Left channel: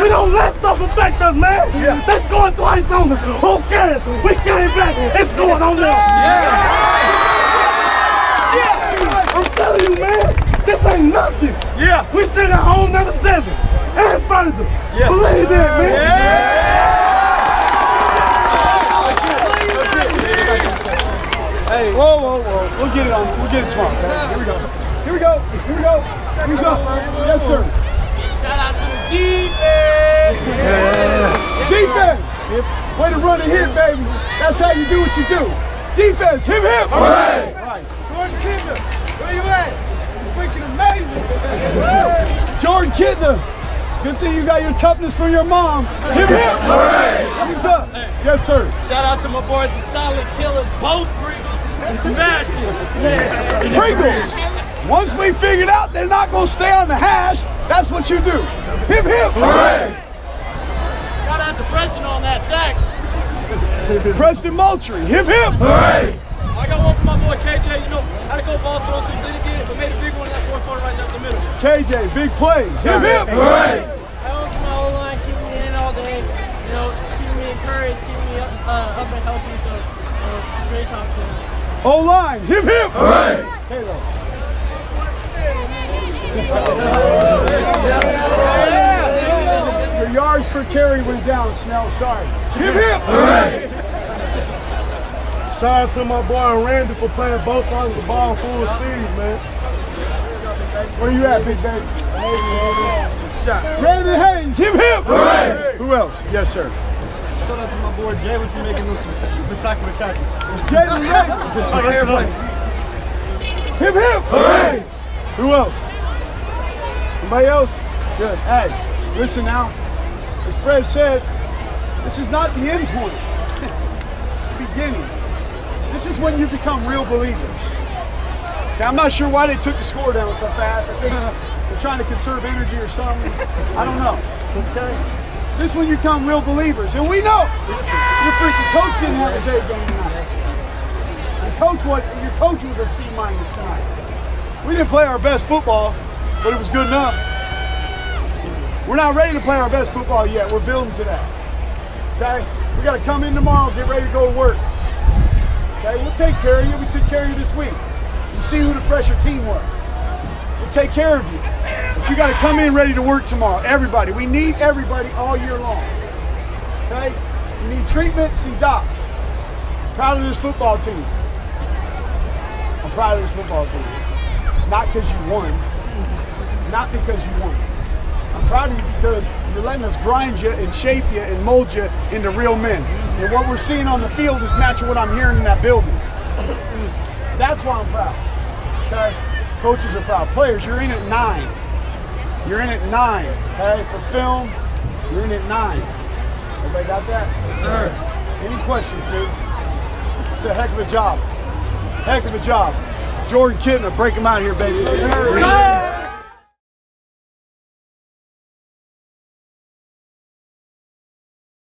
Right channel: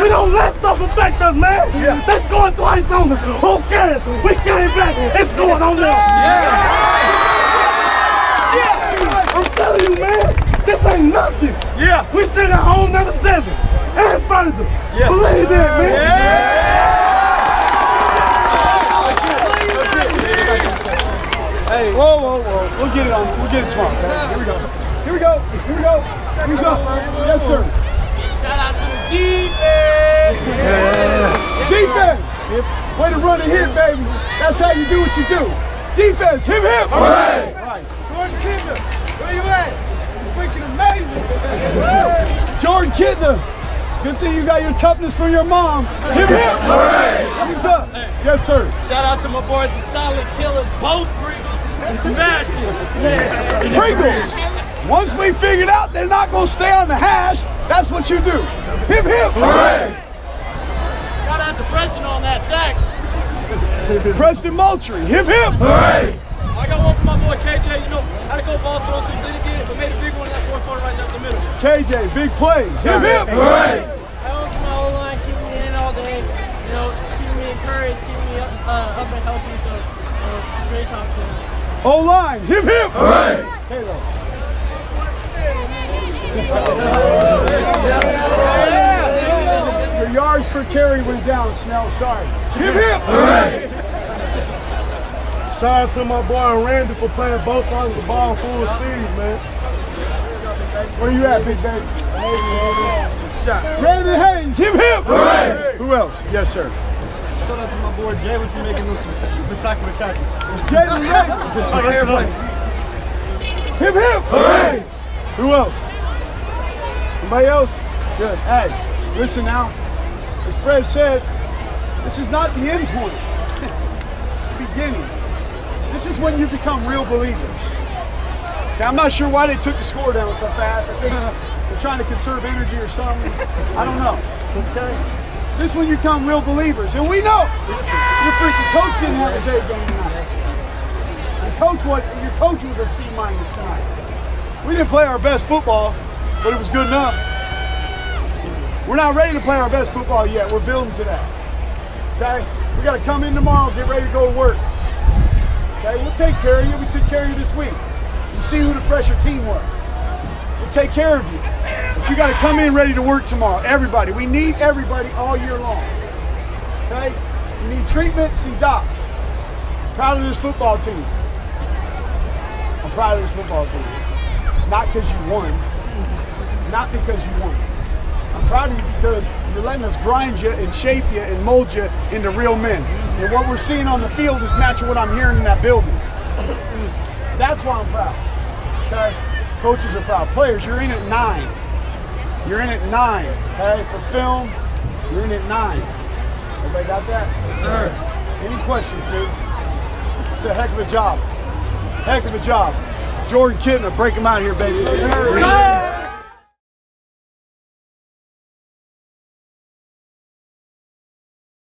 We don't let stuff affect us, man. Yeah. They scored twice on us. Who cares? We came back. It's going on there. Yeah. I'm telling you, man, this ain't nothing. Yeah. We still got home number 7 and furniture. Yeah. Believe that, man. Yeah. Hey. Whoa. We'll get it on. We'll get it tomorrow. Okay? Here we go. Here's up. Yes, sir. Shout out to the defense! Yeah. Defense! Way to run a hit, baby. That's how you do what you do. Defense, hip hip! Hooray! Right. Jordan Kidner, where you at? You're freaking amazing! Jordan Kidner, good thing you got your toughness from your mom. Hip hip! Hooray! What's up? Yes, sir. Shout out to my boys, the solid killers, both Pringles. Smashing! Pringles! Once we figured out they're not going to stay on the hash, that's what you do. Hip hip! Hooray! Shout out to Preston on that sack. Preston Moultrie, hip hip! Hooray! I got one for my boy KJ, you know, had to go ball throw too, didn't get it, but made a big one in that fourth quarter right down the middle. KJ, big plays, hip hip! Hooray! I want my O-line keeping me in all day, you know, keeping me encouraged, keeping me up and healthy, so, great job, sir. O-line, hip hip! Hooray! Halo. Your yards per carry went down, Snell. Sorry. Hip hip! Hooray! Shout out to my boy Randy for playing both sides of the ball full speed, man. Where you at, big baby? Randy Hayes, hip hip! Hooray! Who else? Yes, sir. Shout out to my boy Jalen for making those spectacular catches. Jalen Hayes! Hip hip! Hooray! Who else? Anybody else? Good. Hey, listen now. As Fred said, this is not the end point. It's the beginning. This is when you become real believers. Okay, I'm not sure why they took the score down so fast. I think they're trying to conserve energy or something. I don't know. Okay? This is when you become real believers. And we know your freaking coach didn't have his A game tonight. Your coach was a C- tonight. We didn't play our best football, but it was good enough. We're not ready to play our best football yet. We're building to that. Okay? We got to come in tomorrow, get ready to go to work. Okay? We'll take care of you. We took care of you this week. You see who the fresher team was. We'll take care of you. But you got to come in ready to work tomorrow. Everybody. We need everybody all year long. Okay? You need treatment, see Doc. Proud of this football team. I'm proud of this football team. Not because you won. Not because you won. I'm proud of you because you're letting us grind you and shape you and mold you into real men. And what we're seeing on the field is matching what I'm hearing in that building. That's why I'm proud. Okay? Coaches are proud. Players, you're in at 9. You're in at 9. Okay? For film, you're in at 9. Everybody got that? Yes, sir. Any questions, dude? It's a heck of a job. Heck of a job. Jordan Kidner, break him out here, baby.